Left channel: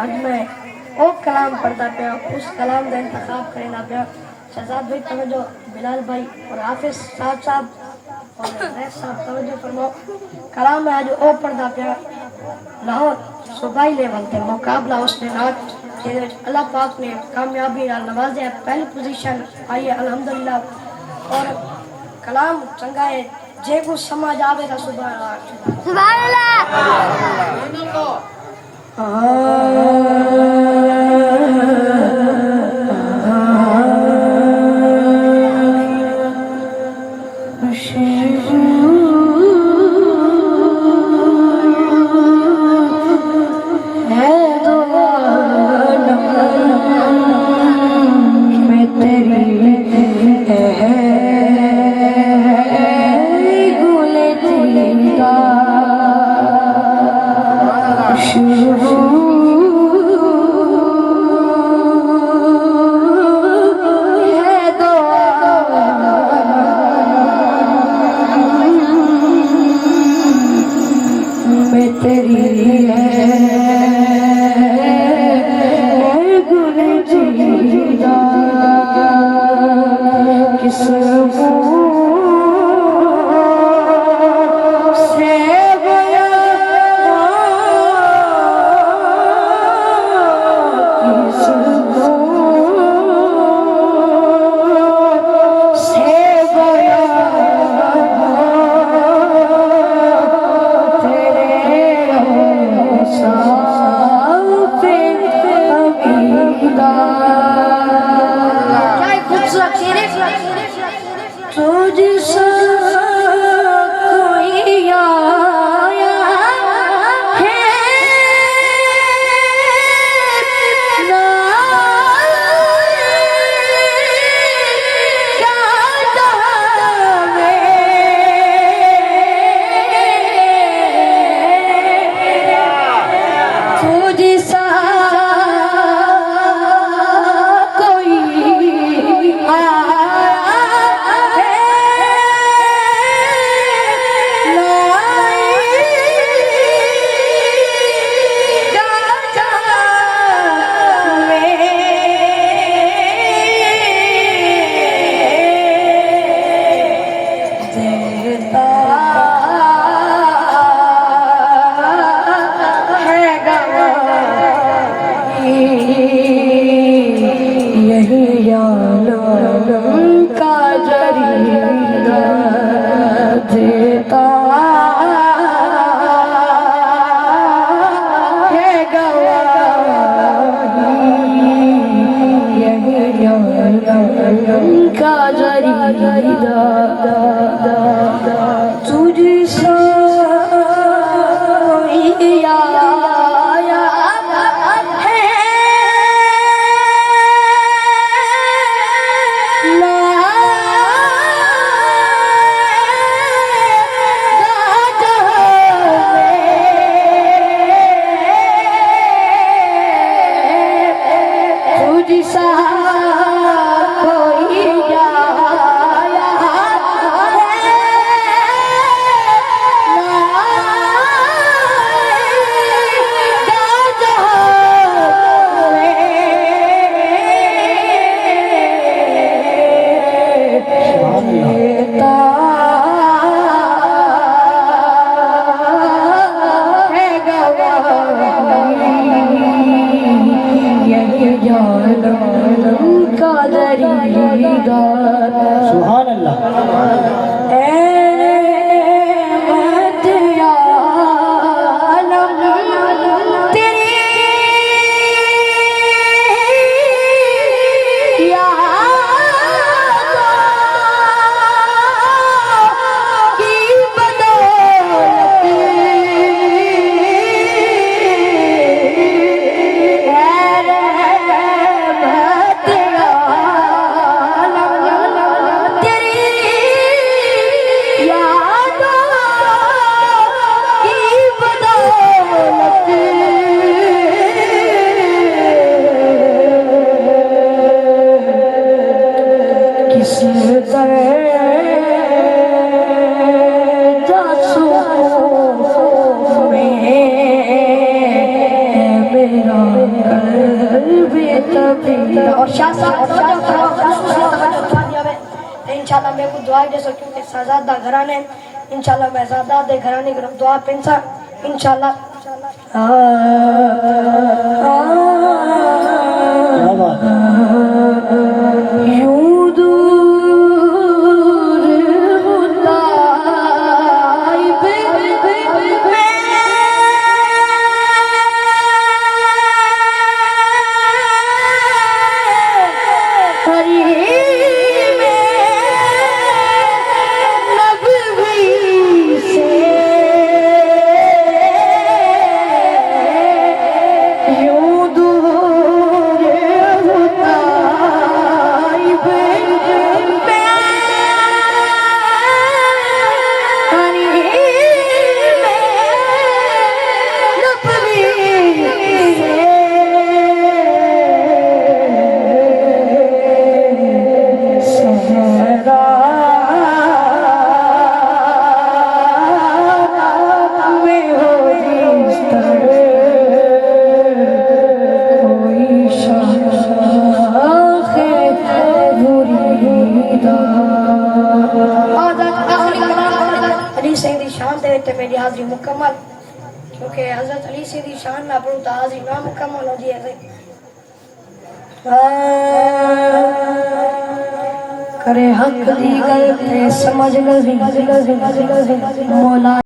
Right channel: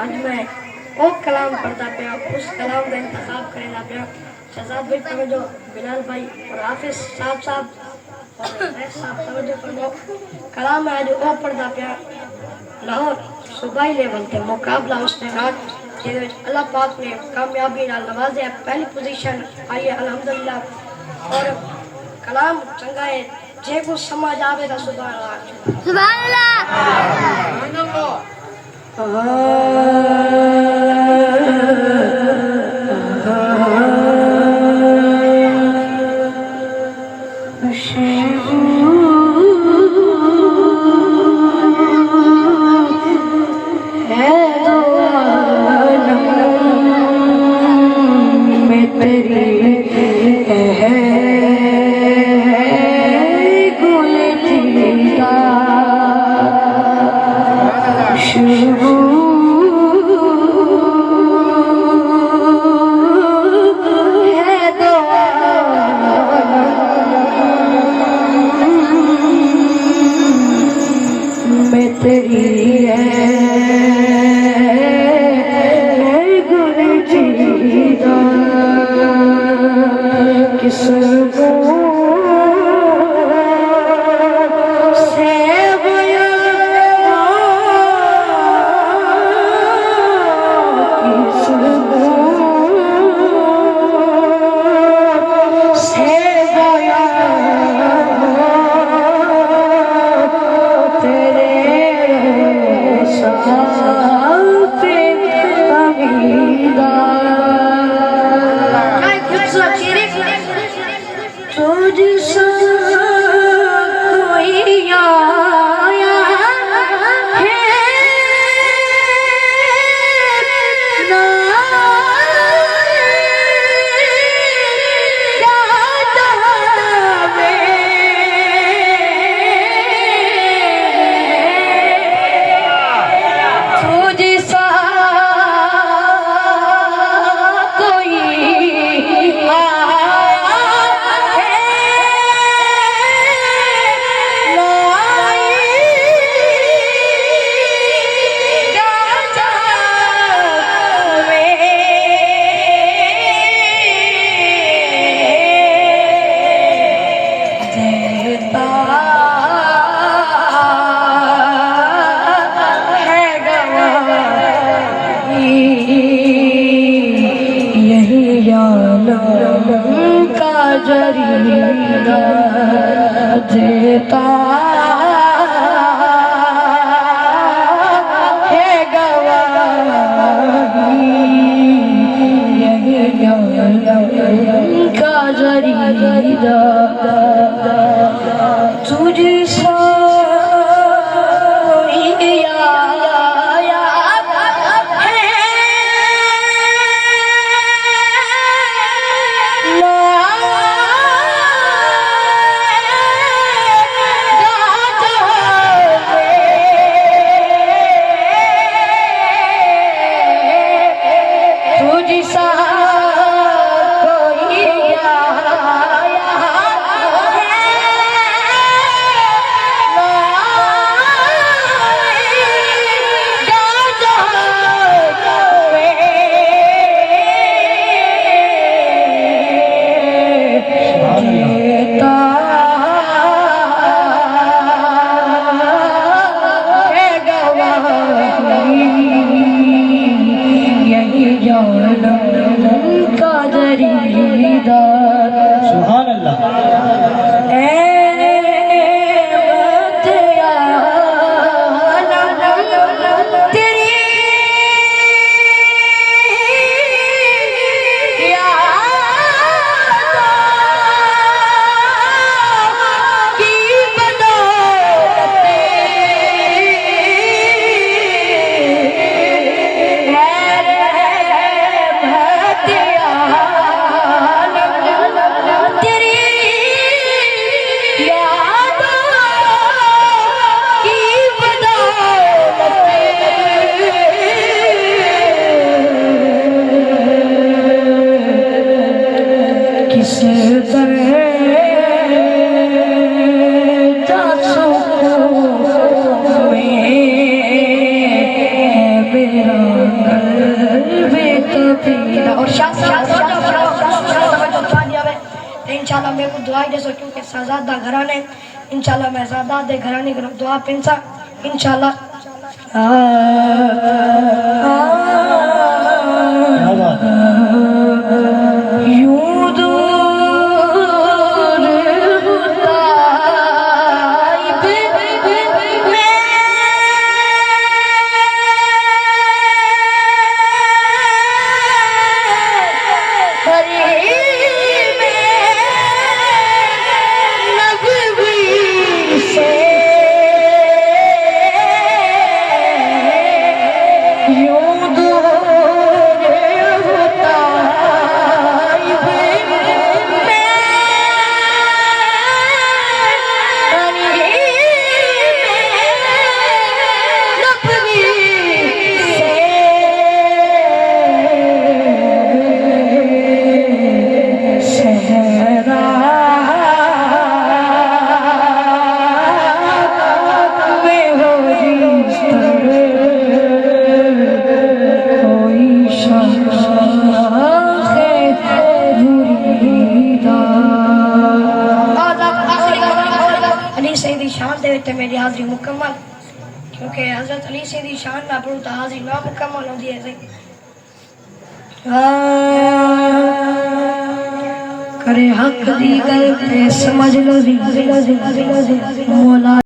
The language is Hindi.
आज मैं वो कलाम पढ़ता पे उस कलाम का इंतखाब करना पे शहजाद भाई तवज्जो, बिलाल भाई और हाफिज साहब और रईस साहब तवज्जो फरमाओ। कलाम है जो वो पढ़ता पे लाहौर सूबाई लेवल ते मुकाबला उसने रात जिहदे विच अल्लाह पाक ने कामयाबी नाल नवाज़िया, पहली पोजीशन आई है अल्हम्दुलिल्लाह। और कलाम चंगा है जे को समझ आवेगा सुभान अल्लाह सुभान यही जाना और इंशाल्लाह मेरे को दुआ दे सो क्योंकि शहजादा घराने इंशाल्लाह मैं शहजादे घराने को दुआ पेंसा इंशाल्लाह यूं दूर होता मेरी हाजिरी मुकम्मल क्योंकि हजरत अली से दी शान ना पढ़ू तो हाजिरी ना मुकम्मल होती है करे हक दी गल पे समझ लो मौला